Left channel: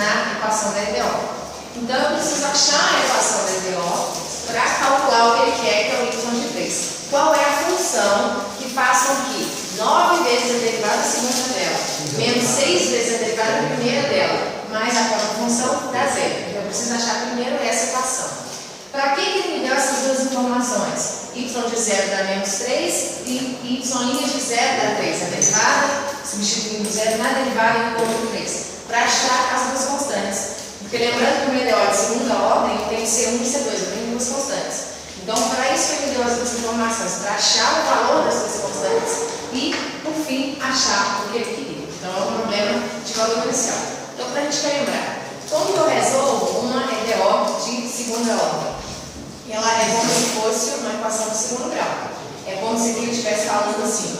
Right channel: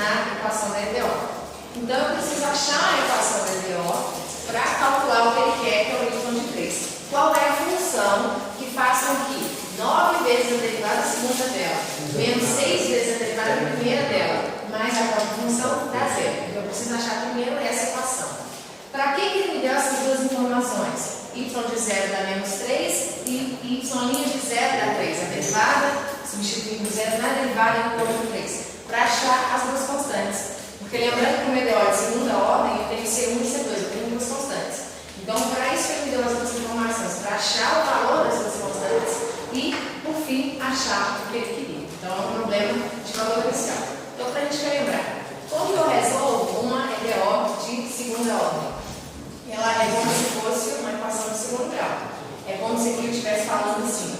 na equação da EDO. Então, eu preciso achar a equação da EDO para calcular o que ele quer, que é o y de 3. Qual é a função que faz com que 9 vezes a derivada segunda dela, menos 6 vezes a derivada primeira dela, mais a própria função dá zero. Então, eu preciso achar primeiro essa equação. Para que ele me deu essas duas informações? Y de 0 dá menos 3 e y' de 0 dá 3. A derivada, substituindo o 0 na derivada, eu encontro 3. Para achar as duas constantes. Porque lembrando que o EDO de segunda ordem, eu tenho C1 e C2, eu tenho duas constantes. Então, para isso ele me deu as duas informações, para achar o valor das duas constantes e, por fim, achar o que ele queria. Então, é um problema de valor inicial. Então, para a gente lembrar, como eu resolvo uma EDO de segunda ordem? Ela é como se fosse uma equação de segundo grau. É como se aqui eu estivesse falando assim,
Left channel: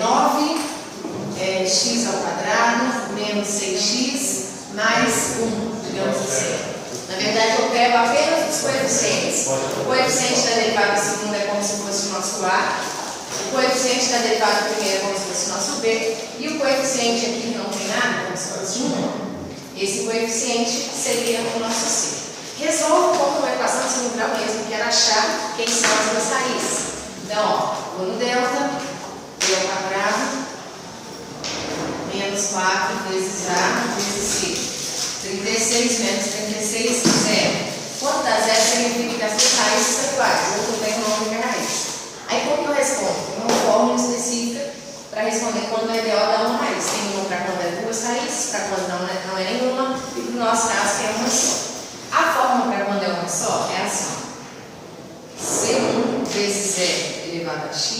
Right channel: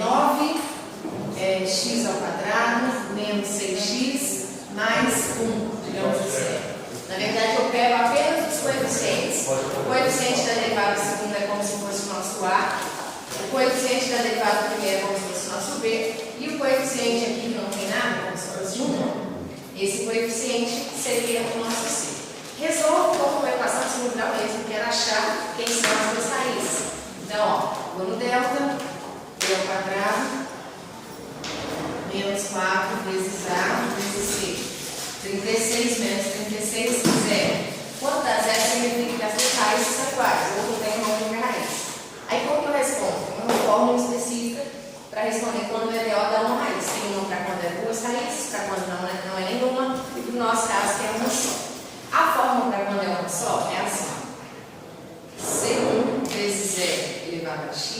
9x ao quadrado menos 6x mais 1, digamos assim. Na verdade, eu pego apenas os coeficientes. O coeficiente da derivada segunda é como se fosse o nosso A, o coeficiente da derivada primeira é como se fosse o nosso B, e o coeficiente aqui que não tem nada, como se fosse 1. Esse coeficiente seria o nosso C. Resolvo como uma equação de segundo grau mesmo, quero achar quem são as duas raízes. Então, ó, vou no delta, B ao quadrado, menos 4 vezes A vezes C. 36 menos 36, 0. Quanto dá 0 significa que as duas raízes são iguais, ou eu tenho uma única raiz. Aí, como que eu respondo? Tem uma fórmula específica para responder quando o EDO dá uma raiz. Tem uma para quando é duas raízes, para quando não é nenhuma, e no nosso caso tem uma só. A fórmula para quando é uma só é assim: C1 vezes E elevado a x,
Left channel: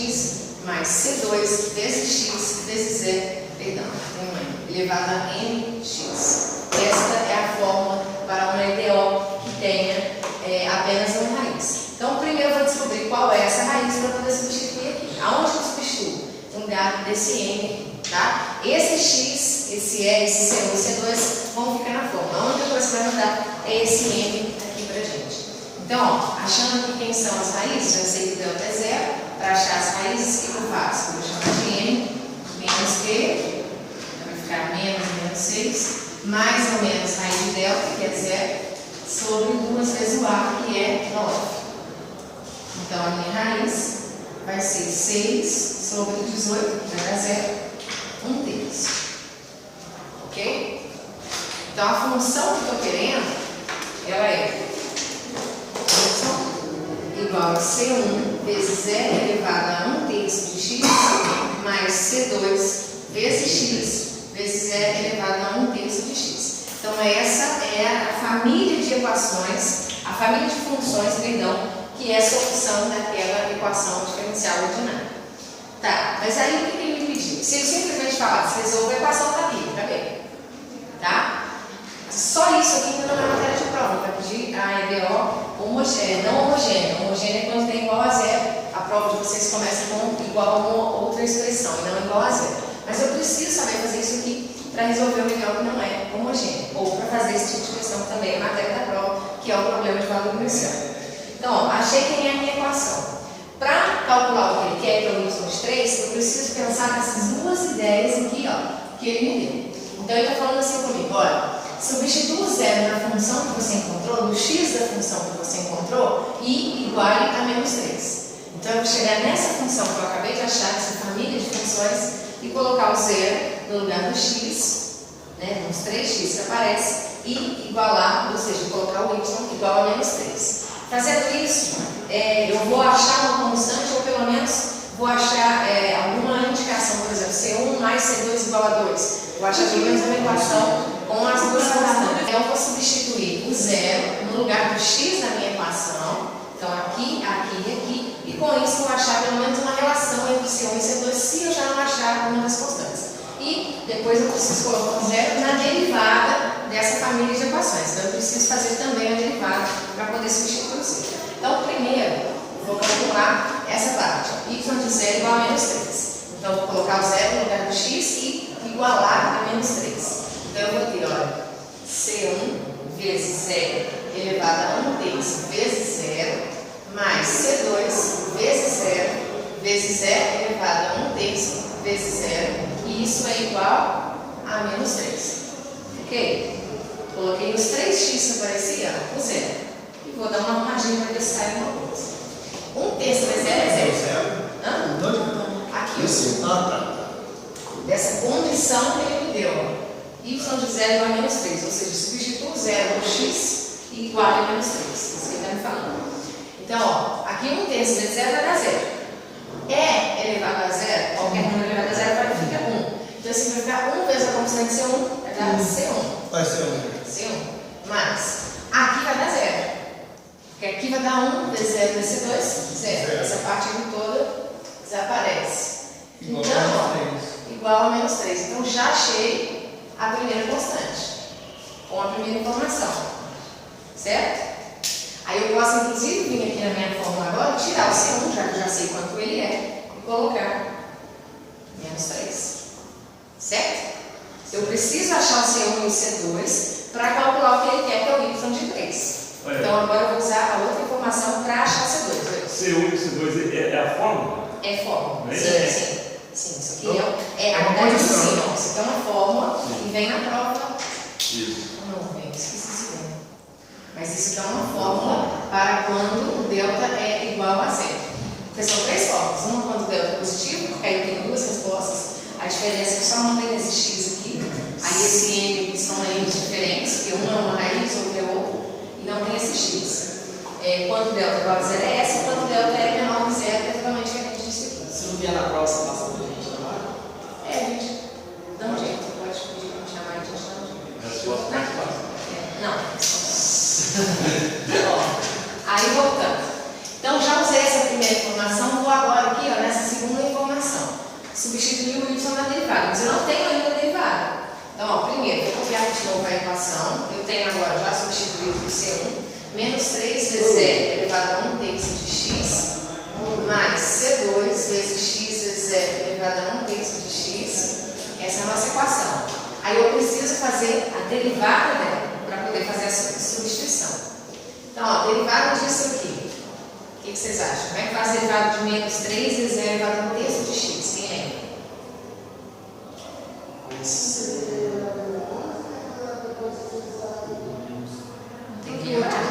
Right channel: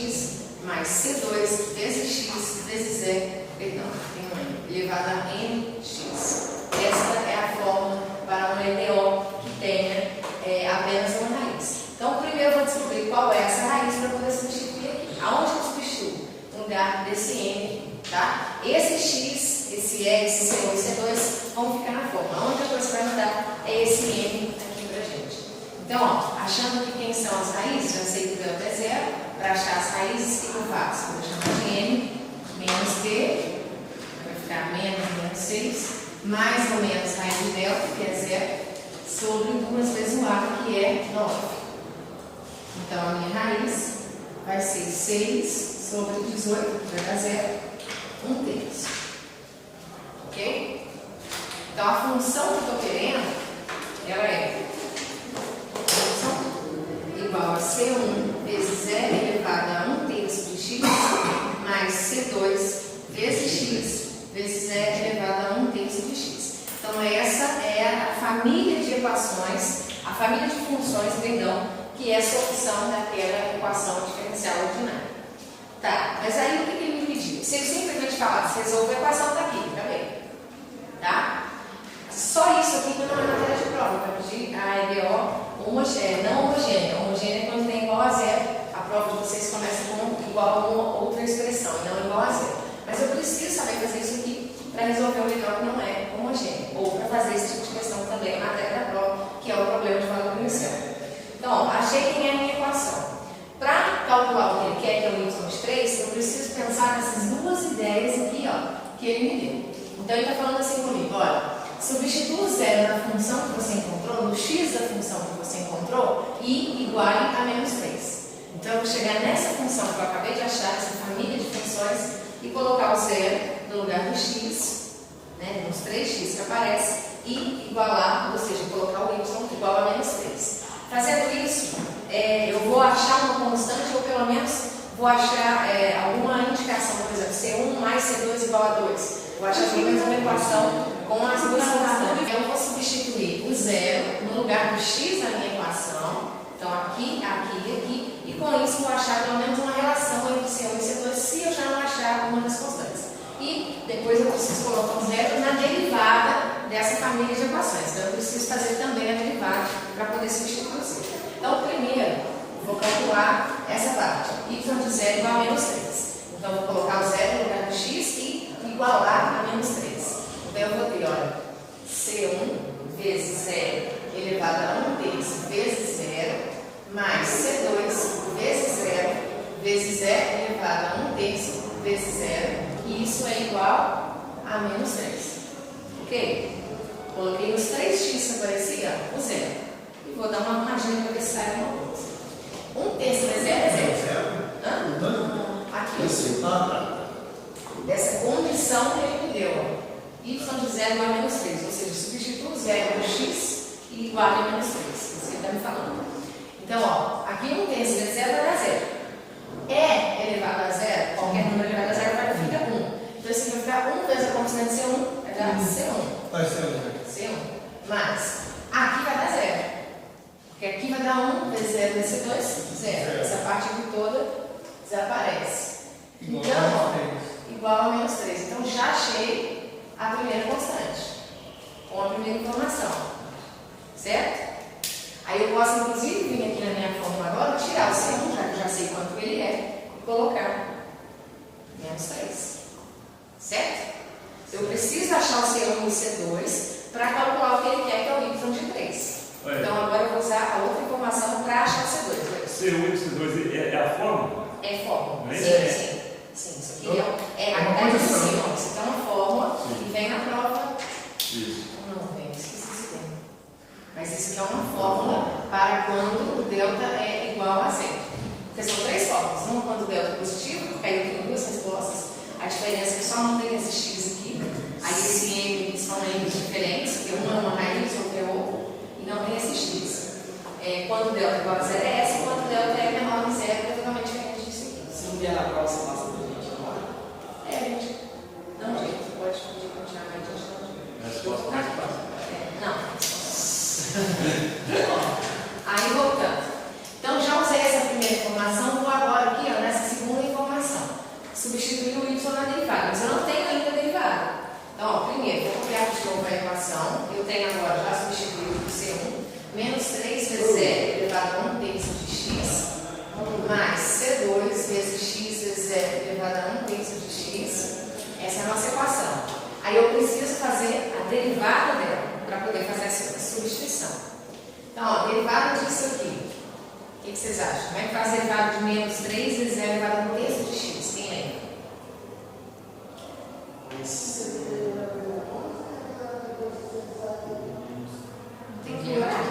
mais C2 vezes x vezes E, perdão, tem um N, elevado a nx. Esta é a fórmula para uma EDO que tenha apenas uma raiz. Então, primeiro eu vou descobrir qual é essa raiz para poder substituir aqui. Aonde eu substituo? No lugar desse N, tá? Esse x, esse E, esse C1 e C2 vão ficar na fórmula. A única coisa que vai mudar é esse M aqui pra gente. Então, ó, achando aqui quem são as raízes, já sei que o delta é 0. Para achar as raízes, o que eu faço? Vou chamar de M menos Q, vai ficar menos 6, mais ou menos raiz de delta, que é 0, sobre 2 vezes o A, que é 9. Então, a minha raiz vai ser 6 sobre 18, que vai dar 0, 1/3. Ok? Então, a função que eu estou querendo, ela é y igual a C1 vezes E elevado a 1/3 de x, mais C2 vezes x vezes E elevado a 1/3 de x. Então, essa é a família de equações, a família de funções, perdão, que é a solução daquela equação diferencial ordinária. Tá, mas aí o que ele me pediu? Se ele simplesmente falasse, resolva a equação, tá aqui, tá bem? Tá? Só isso aqui não é matéria de prova, para pedir a EDO homogênea, não homogênea. Homogênea é quando tem igual a 0. A prova de vocês começa com igual a uma outra expressão, e não igual a 0. Mas eu preciso saber fazer isso aqui para resolver o EDO que não é homogêneo, ou para fazer esse tipo de questão que também é matéria da prova, que é o problema de valor inicial. Então, ó, achei quem é a minha equação. Para calcular o que ele quer, que é o y de 3, eu preciso pensar nessas duas ideias aqui, ó, que ele me deu. Então, ele está falando assim comigo, olha, substitua o 0 na função que você encontrou, no x da função que você encontrou, e iguale a menos 3. Então, eu vou chegar nessa função que eu acabei de achar, essa família de funções, e colocar o 0 no lugar do x, né, nos 3x que aparece, e igualar, ou seja, colocar o y igual a menos 3. Fazendo isso, eu vou achar uma constante, ou pelo menos vou achar alguma indicação, por exemplo, C1 mais C2 igual a 2. Vou achar pelo menos uma equação com as duas constantes. Eu vou substituir o 0 no lugar do x da minha equação. Então, aqui, aqui e aqui. E com isso, vou achar pelo menos uma relação entre C1 e C2, se eu já não achar uma das constantes. E depois eu preciso colocar um 0 na derivada dessa família de equações. Então, eu preciso fazer também a derivada para poder substituir o 0. Então, primeiro, vou calcular essa parte. Y de 0 igual a menos 3. Então, eu vou colocar o 0 no lugar do x e igualar a menos 3. Então, eu vou ter, olha, C1 vezes 0 elevado a 1/3 vezes 0, mais C2 vezes 0 vezes E elevado a 1/3 vezes 0. E isso é igual a menos 3. Ok? Coloquei os 3x que aparecia, o zero. E vou dar uma arrumadinha para ver se sai alguma coisa. 1 terço vezes zero é zero. Hã? Aqui, ó. Dessa condição que ele me deu, ó. Y de 0 igual a menos 3. Ou seja, substituo o zero por x e igual a menos 3. Isso que ele está me falando. Então, ó, aqui 1 terço vezes 0 vai dar 0. É elevado a 0, qualquer número elevado a 0 vai ficar 1. Então, esse vai ficar 1 vezes a constante C1, vai dar C1. Vai ser C1. Mas, aqui vai dar 0. Porque aqui vai dar 1 vezes 0 vezes C2, 0. Essa parte aqui toda desaparece. Então, ó, igual a menos 3. Então, já achei a primeira constante, com a primeira informação. Certo? Aí eu posso, inclusive, vir aqui na minha fórmula agora, tirar o C1, já que eu já sei quanto ele é, e colocar menos 3. Certo? Eu preciso achar o C1 e o C2 para calcular o que ele quer, que é o Y de 3. Então agora eu vou usar a outra informação para achar o C2. C1 e C2 é a fórmula? É fórmula. É. Sim. Isso aqui é a condição. Isso aqui é uma fórmula e vem na prova. Isso. Não, vem, esqueci isso bem. Mas isso aqui é uma fórmula para quando o delta é igual a 0. Porque são 3 fórmulas. Uma quando o delta é positivo, porque aí tem 2 respostas. A diferença é que só mantém esse x aqui. Aí esse n são n's diferentes, porque um é uma raiz, outro é outro. E não tem esse x. Quando o delta é igual a 0 é essa, quando o delta é menor que 0, é totalmente diferente disso aqui. Se não vier na prova, você passa pra gente, não vai? Gente, dá um jeito. Pode pedir para me chamar, a gente dá um jeito. Resposta mais fácil. Não. Aí voltando. Então já usei essa primeira informação, vou agora aqui, ó, nessa segunda informação. Substituir o y na derivada, mas eu não tenho ainda a derivada. Então, ó, primeiro, vou copiar de novo a equação. Eu tenho agora, já substituído o C1, menos 3 vezes E elevado a 1 terço de x, mais C2 vezes x vezes E elevado a 1 terço de x. Essa é a nossa equação. Aí eu preciso fazer a derivada dela, para poder fazer a substituição. Então, ó, derivada disso aqui. O que vocês acham? Como é que faz a derivada de menos 3 vezes E elevado a 1 terço de x? Quem lembra? Tem que lembrar?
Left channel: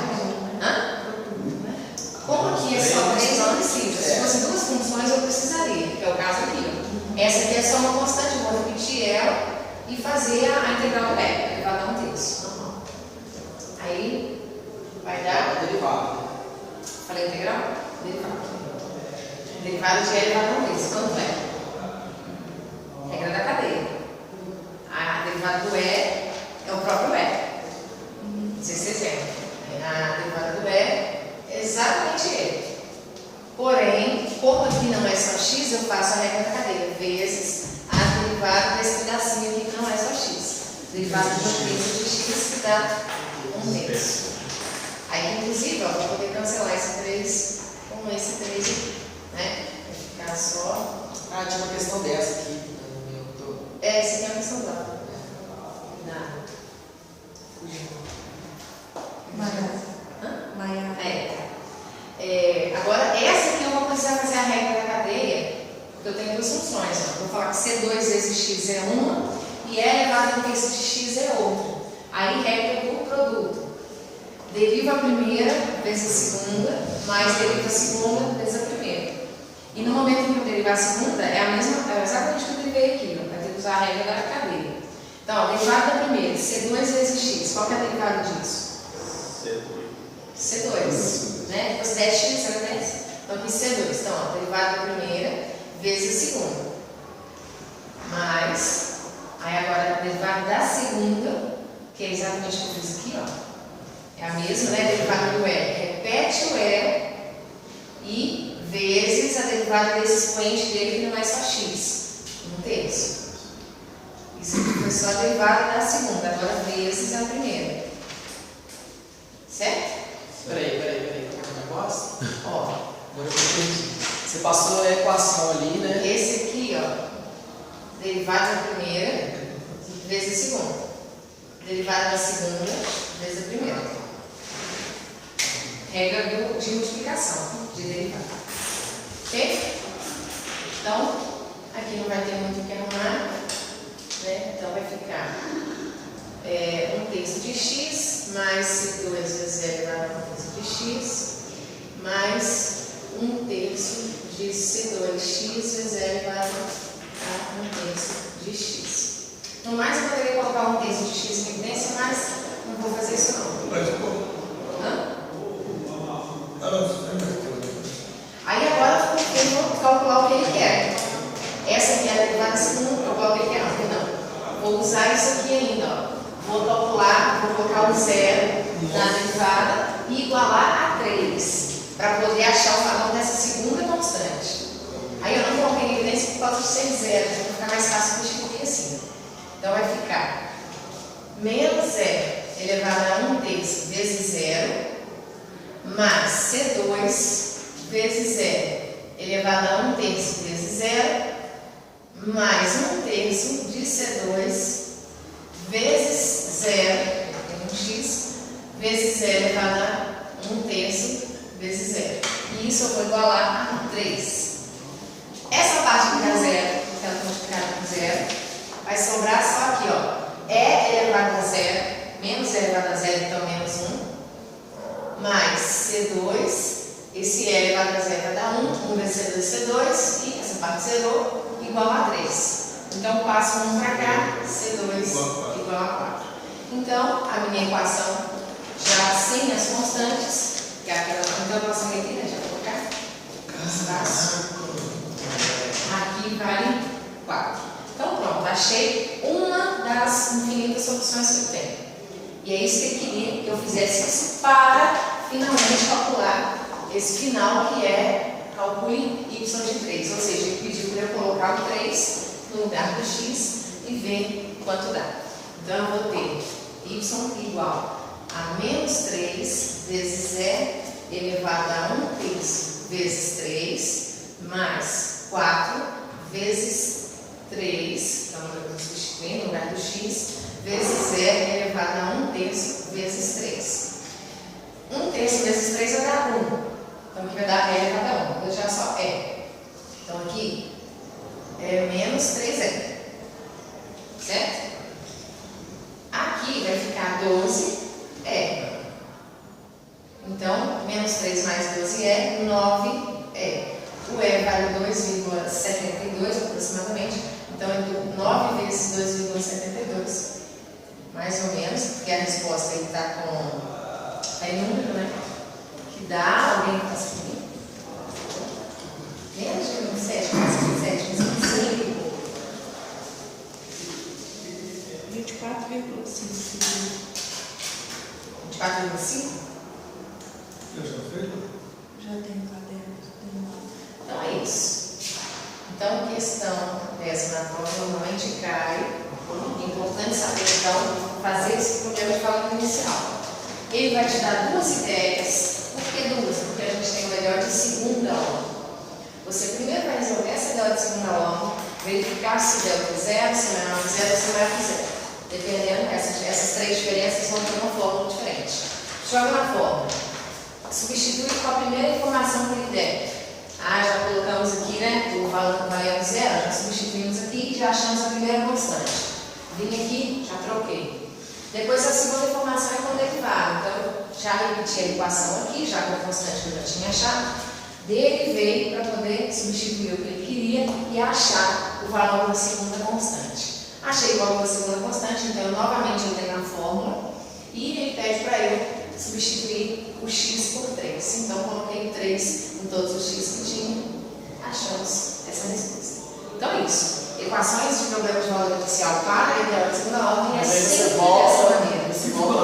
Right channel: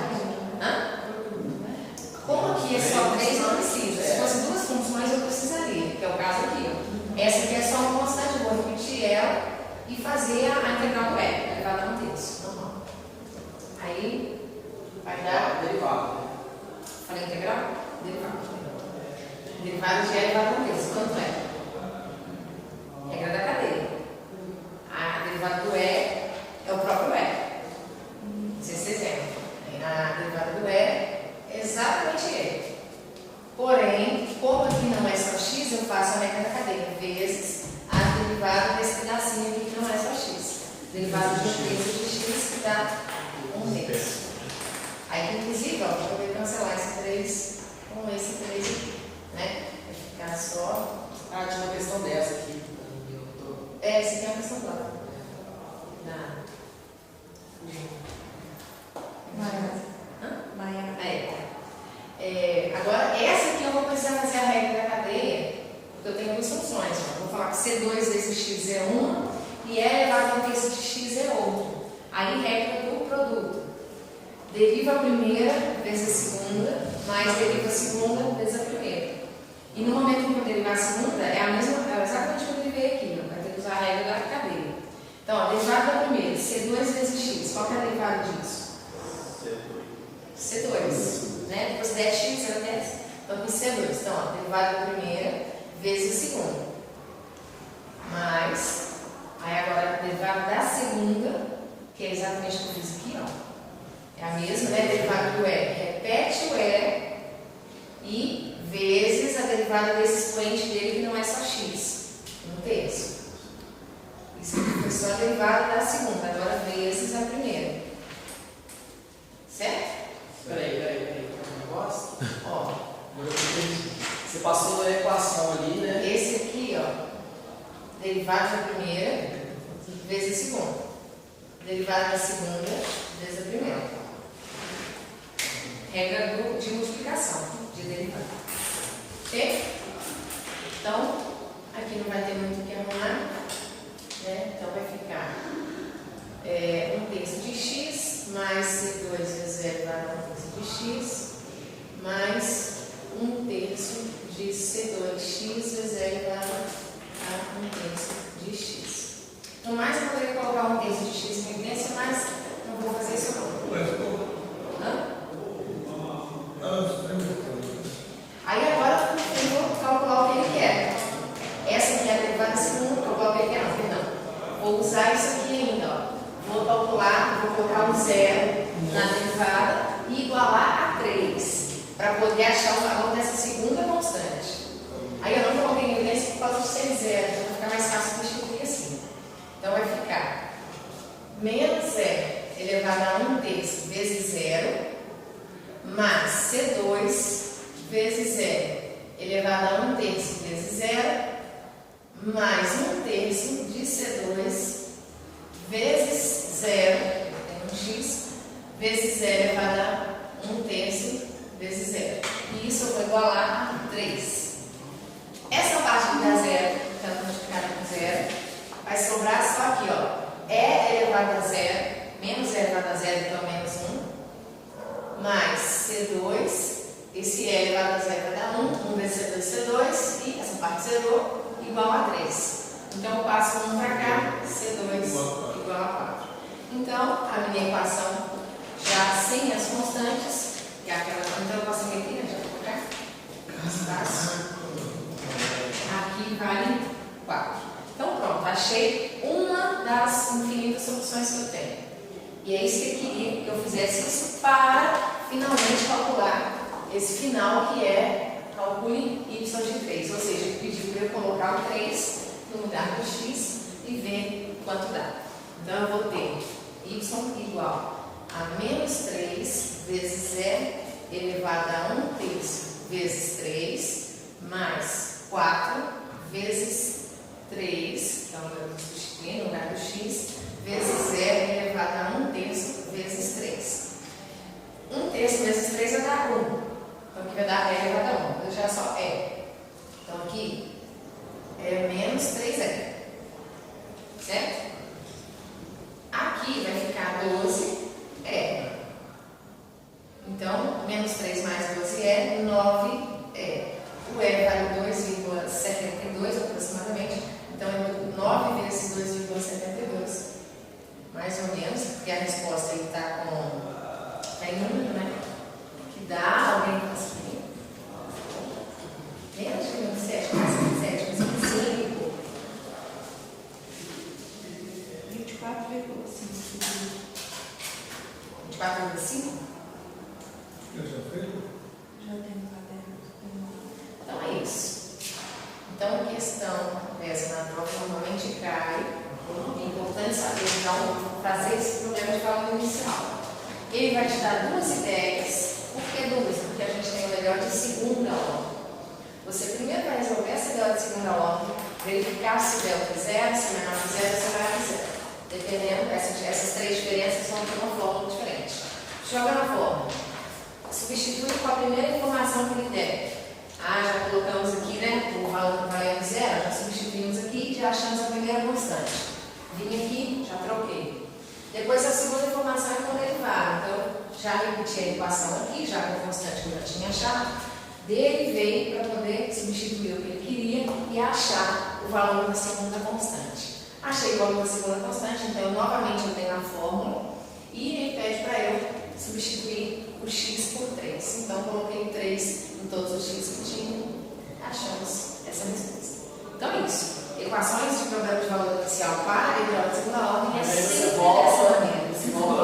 Como aqui é só 3, não precisa. Se fosse 2 funções, eu precisaria, que é o caso aqui. Ó. Essa aqui é só uma constante, eu vou repetir ela e fazer a integral do E, elevado a 1 terço. Normal. Aí, vai dar... Derivado. Falei integral? Derivado. Derivado de E elevado a 1 terço. Quanto é? Regra da cadeia. A derivada do E é o próprio E. Não sei se vocês lembram. A derivada do E é exatamente ele. Porém, como aqui não é só x, eu faço a regra da cadeia, vezes a derivada desse pedacinho aqui que não é só x. Derivada de 1 terço de x que dá 1 terço. Aí, inclusive, ó, para poder cancelar esse 3 com esse 3 aqui, né? Vai ficar só... Ah, tinha uma questão dessa aqui. Essa aqui é uma questão do lado. Agora, essa aqui eu vou precisar fazer a regra da cadeia, porque eu tenho 2 funções. Ó. Vou falar que C2 vezes x é uma e E elevado a 1 terço de x é outra. Aí, regra do produto. Deriva a primeira vezes a segunda, mais deriva a segunda vezes a primeira. E no momento em que eu derivar a segunda, é exatamente o que eu derivei aqui. Ó. Vai ter que usar a regra da cadeia. Então, derivada da primeira, C2 vezes x. Qual que é a derivada disso? C2. Né? Depois 10x era 10. Então, aqui C2. Então, ó, derivada da primeira vezes a segunda. Mais. Aí, agora, a derivada da segunda, que é exatamente o que eu fiz aqui, ó. É a mesma, né? A derivada do E. Repete o E e vezes a derivada desse expoente dele, que não é só x. 1 terço. Isso aqui foi só a derivada da segunda, agora vezes a primeira. Certo? Peraí. Um negócio? Ó. Agora eu entendi. Você passou a equação ali, né? Esse aqui, ó. Derivada da primeira vezes a segunda. Derivada da segunda vezes a primeira. Regra de multiplicação, de derivada. Ok? Então, aqui não vai ter muito o que arrumar. Né? Então vai ficar 1 terço de x mais C2 vezes E elevado a 1 terço de x mais 1 terço de C2x vezes E elevado a 1 terço de x. No mais, eu poderia colocar 1 terço de x em evidência, mas não vou fazer isso não. Hã? Aí agora eu vou calcular o que ele quer. Essa aqui é a derivada segunda, calcular o que ele quer, não, perdão. Vou usar isso aqui ainda, ó. Vou calcular, vou colocar um zero na derivada e igualar a 3, para poder achar o valor dessa segunda constante. Aí eu não coloquei em evidência por causa de ser zero, então vai ficar mais fácil substituir assim. Então vai ficar menos 0 elevado a 1 terço vezes 0, mais C2 vezes 0 elevado a 1 terço vezes 0, mais 1 terço de C2 vezes 0, tem um x, vezes 0 elevado a 1 terço vezes 0. E isso eu vou igualar a 3. Essa parte que dá 0, que ela multiplicada com 0, vai sobrar só aqui, ó. E elevado a 0, menos E elevado a 0, então menos 1, mais C2, esse E elevado a 0 vai dar 1 vezes C2, C2, e essa parte zerou, igual a 3. Então, passo 1 para cá, C2 igual a 4. Então, a minha equação, já sem as constantes, que é aquela, então, a equação aqui, né, já vou colocar, espaço, aqui vale 4. Então, pronto, achei uma das infinitas opções que eu tenho. E é isso que eu queria que eu fizesse isso para finalmente calcular esse final que é calcule y de 3. Ou seja, ele pediu para eu colocar o 3 no lugar do x e ver quanto dá. Então, eu vou ter y igual a menos 3 vezes E elevado a 1 terço vezes 3 mais 4 vezes 3, então eu vou substituir no lugar do x, vezes E elevado a 1 terço vezes 3. 1 terço vezes 3 vai dar 1. Então aqui vai dar E elevado a 1. Eu já só E. Então aqui é menos 3E. Certo? Aqui vai ficar 12E. Então, menos 3 mais 12E, 9E. O E vale 2,72 aproximadamente. Então, eu dou 9 vezes 2,72, mais ou menos, porque a resposta está em número, né? Que dá, alguém que está escrevendo? Menos de 27, quase 27, 25. 24,5. 24,5? Já tenho caderno. Então é isso. Então, questão dessa na prova normalmente cai. É importante saber, então, fazer esse problema de cálculo inicial. Ele vai te dar duas ideias. Por que duas? Porque a gente tem o melhor de segunda ordem. Você primeiro vai resolver essa delta de segunda ordem, verificar se delta é zero, se menor que zero, se maior que zero. Dependendo, essas três diferenças vão ter uma fórmula diferente. Joga na fórmula. Substitui com a primeira informação que ele der. Já colocamos aqui, né, o valor valendo zero, já substituímos aqui e já achamos a primeira constante. Vim aqui, já troquei. Depois a segunda informação é com derivada. Então, já repeti a equação aqui, já com a constante que eu já tinha achado. Derivei para poder substituir o que ele queria e achar o valor da segunda constante. Achei o valor da segunda constante, então eu novamente entrei na fórmula e ele pede para eu substituir o x por 3. Então, coloquei 3 em todos os x que tinha, achamos essa resposta. Então, é isso. Equações de problema de valor inicial para a ideal de segunda ordem é sempre dessa maneira. Você volta